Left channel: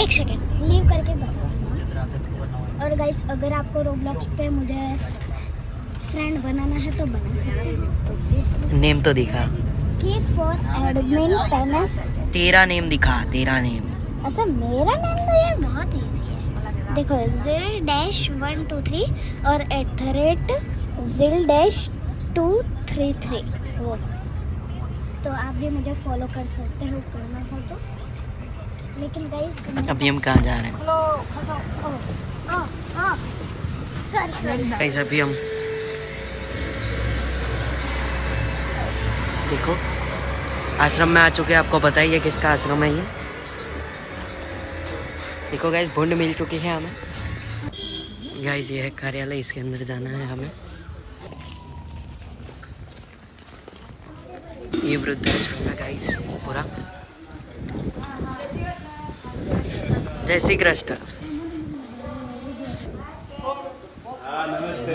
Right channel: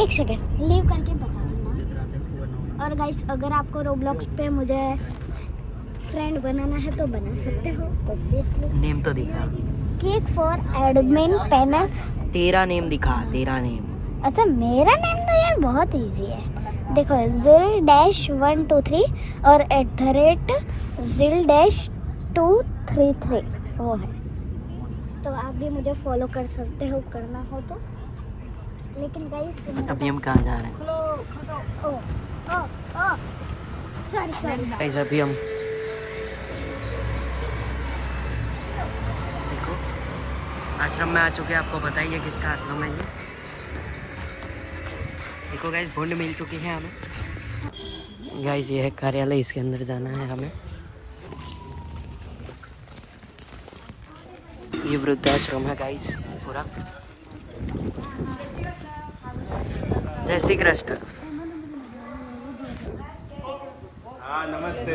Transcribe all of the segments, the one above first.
एक second leave करके बता देना। और गाइस अगर आपको रोब्लॉक्स पे मुझे फ्रेंड बनाना है तो बना सकते हो ऑब्वियसली। नेम तो दिखा, केक फॉर एडमिन पेनस। तेरा नेम दिखा, तेरा नेम। अच्छा मेरा नेम तो यार बहुत इजी है, देखो ZIL-123 और @ZIL-233 वो। तो आप भी मुझे फॉलो कर सकते हो करना हो तो। लेकिन गाइस अभी हम कहाँ जा रहे हैं? सॉरी गाइस अभी हम देखो आश्रम में आ चुके हैं। आपको पता ही है किसका आश्रम है ये। देखो गाइस बॉन्ड मिल चुकी है हमें। गाइस ये है कार्यालय, इसके अंदर जाना है हमें। ये वृद्धाश्रम है गाइस पूरा। जय श्री कृष्ण। हाँ नमस्ते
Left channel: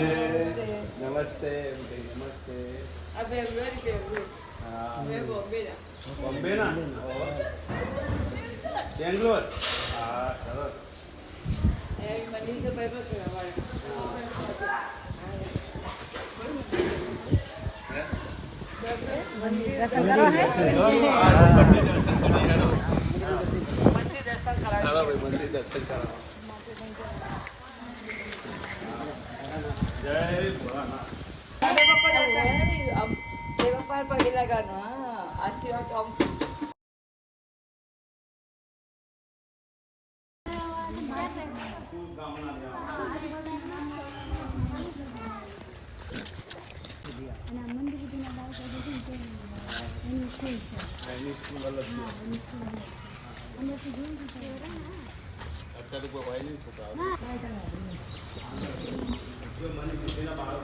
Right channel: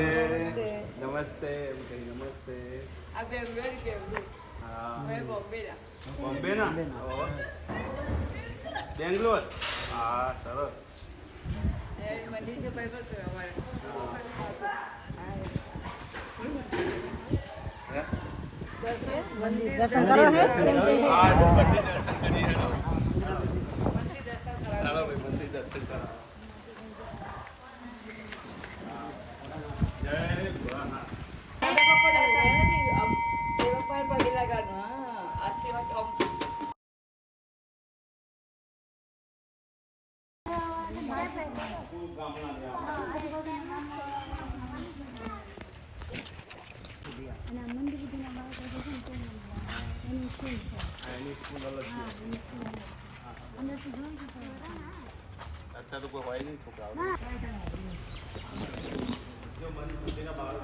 नमस्ते नमस्ते। बॉम्बे ना बेंगलोर। हाँ सरस। मंदिर दर्शन करा। जय भोलानाथ। अच्छा तो कोई भाई नहीं छोटा जो मन बुद्धि ना बाहर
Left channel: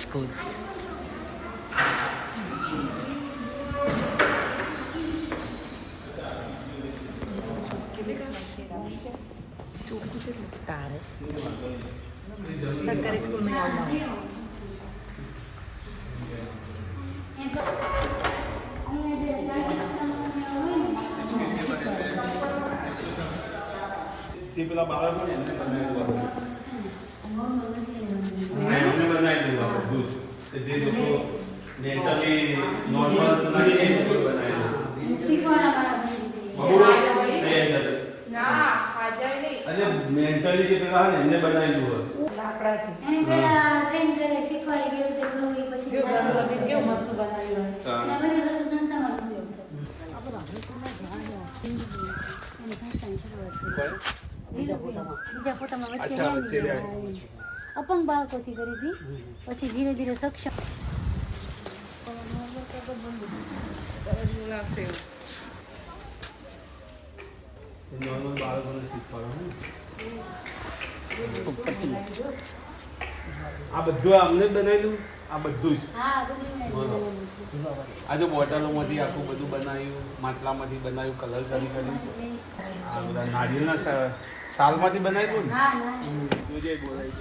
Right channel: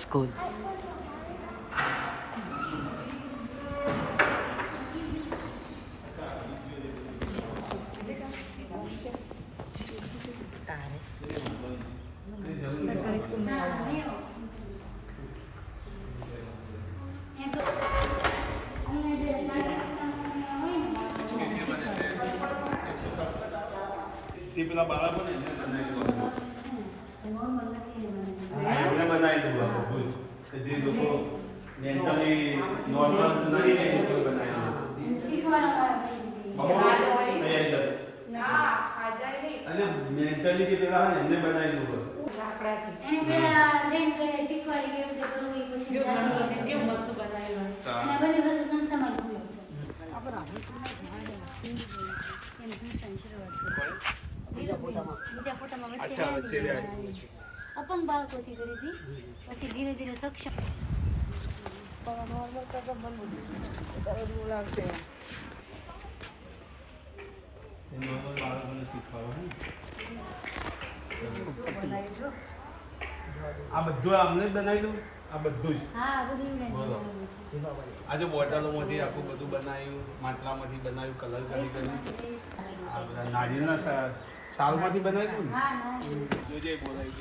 स्कूल। सरकारी स्कूल में પેલા બાળકો ને એમને બનાવી દીધું બધું જે લોકો મેન્ટલી નોર્મલ નહીં એ લોકો બનાવી દીધું। મેન્ટલી જે પેલા ને એમને બનાવી દીધું। એને પેલા ટ્રેન કરીને શીખવાડી ગયું છે તો એ પછી કેવું મસ્ત બનાવ્યું અને બધી વસ્તુ સંસ્થામાં થયું। બીજા ફોટામાં વચ્ચે અપંગ બાળકોથી કરી હતી, પછી ધીરે ધીરે સક્ષમ નોર્મલ બાળકોને શીખવાડવાનું। આ બધું અમને બનાવી દઉં આ બધું જ આજે બોટલોમાંથી આખું બધું બનાવ્યું, માટલામાંથી બનાવ્યું, કલર કરી આ બધા નાળિયેરના સાલમાંથી બનાવ્યું ને જોજે બોલાવી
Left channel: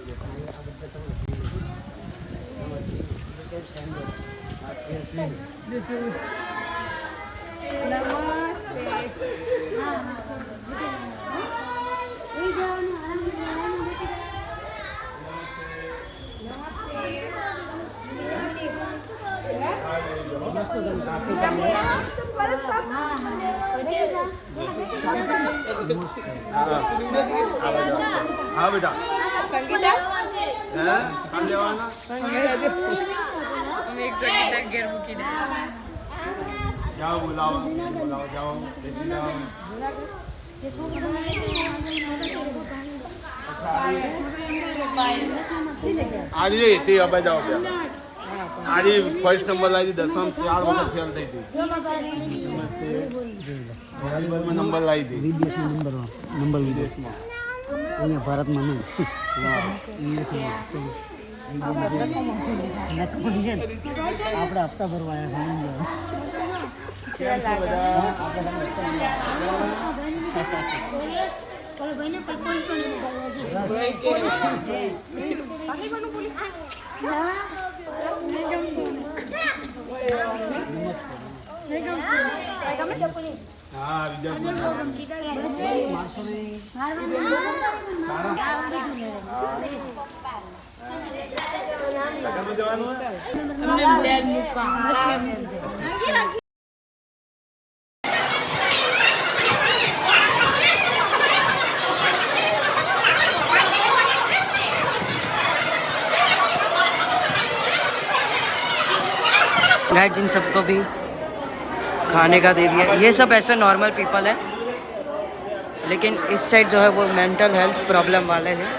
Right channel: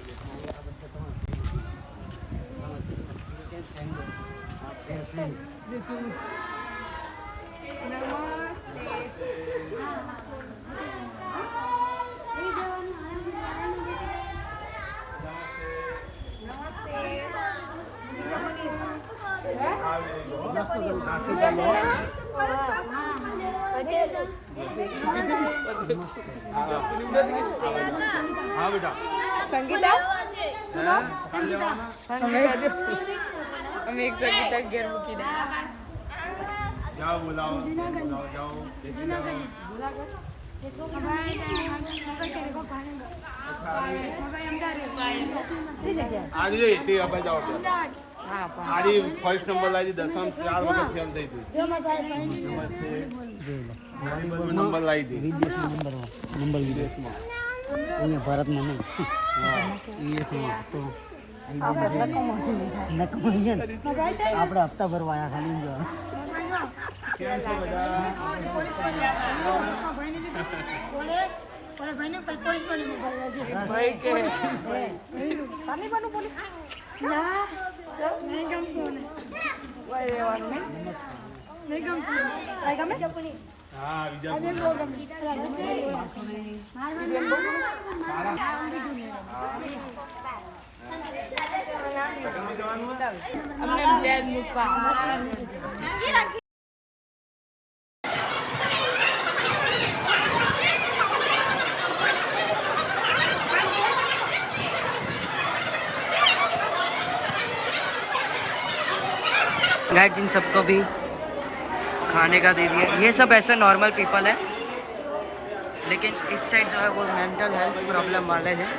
हाँ बेटा संगीता जाओ बुलाओ बुलाओ जाओ बेटी जाओ। आज ये अब जाओ आज फर्स्ट नंबर लाई 10 में 4 वक्त फेल થઈ હતી। નમસ્તે નંબર લાવી હતી વિદેશમાં નંબર વિદેશમાં અહીંયા ભારતમાં નહીં વિદેશમાં આપણે હપ્તા ભરવાના છે। હા બીજા गाइस इन सबको भी खाने का दे दिया। ये सब ऐसे नॉर्मल पीपल है, लेकिन इस साइड जो है वो मेंटल हेल्थ प्रॉब्लम वाले हैं।